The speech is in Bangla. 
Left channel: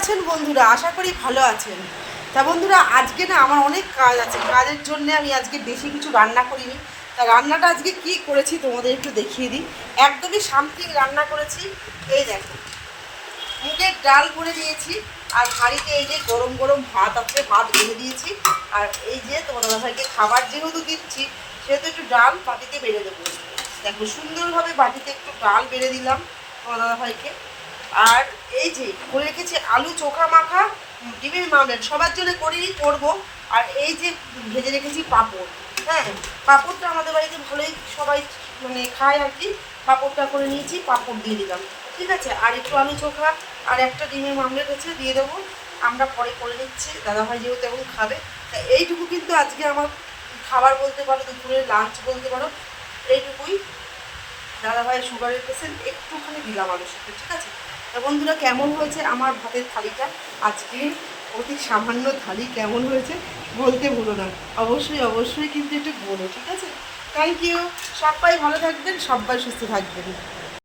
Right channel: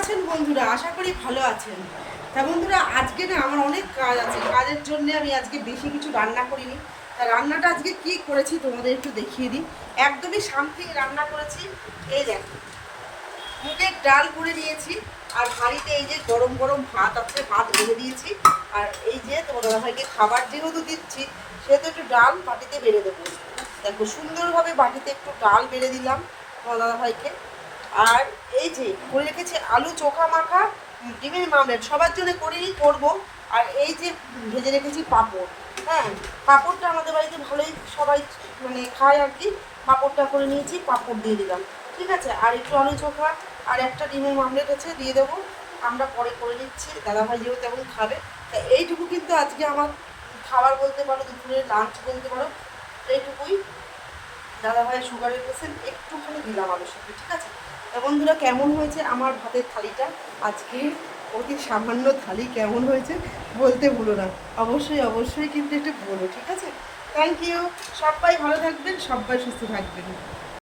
আছেন বন্ধুরা? আশা করি ভালো আছেন। তা বন্ধুরা, আজকে না আমার অনেক কাজ আছে। কাজের জন্য আমি আজকে বেশি কিছু রান্না করিনি। তা রান্নাটা আজকে কি করেছি তোমাদের একটু দেখিয়ে দিই। একদমই সামথিং রান্না করেছি। এই দেখো, মুগের ডাল করে নিয়েছি, আর হাঁড়িতে এই যে গরম গরম ভাত আছে, ভাত বেড়ে দিয়েছি। আর এই যে তোমার দাদাভাইকে খাবার যেহেতু দিচ্ছি, সেহেতু একটু ডাল বাটিতে বেড়ে দেবো। দেখো, সুন্দরভাবে বাটিতে একটু ডাল বেড়ে দিলাম তোমার দাদাভাইকে। আর এই যে করে রেখেছি আলু চোখা মাখা, ডিমের মামলেট, সবার জন্য করেই করবো। আর এই যে ভেজে রেখেছি পাঁপড়। হ্যাঁ, পাঁপড়টা আমাদের বাড়িতে ভালোই সবাই মানে খায় আর কি। পাঁপড়টা করে নিয়েছি, পাঁপড় দিয়ে দিলাম। ঠিক আছে, আর একটু আলু চোখা আর একটা ডিমের মামলেট আছে, দিয়ে দেবো। আমরা পরে করে নিচ্ছি, দাদাভাই যেহেতু এখন খাবে। তা এইটুকু কিন্তু আজকে আমার খাবার বলতে পারো, দুপুরের লাঞ্চ বলতে পারো। এইটুকুই। দাদাভাই সুগারের পেশেন্ট, একটুখানি দিলাম আলু সিদ্ধ। ঠিক আছে। তা বন্ধুরা, কেমন হয়েছে আমার ভাতের থালিটা? আজকের অতি সামান্য থালি কেমন হয়েছে বলতে ভুলো না। অবশ্যই অবশ্যই কিন্তু একটু বলো। ঠিক আছে। Thank you. সবাই ভালো থাকবেন, সবাই সুস্থ থাকবেন।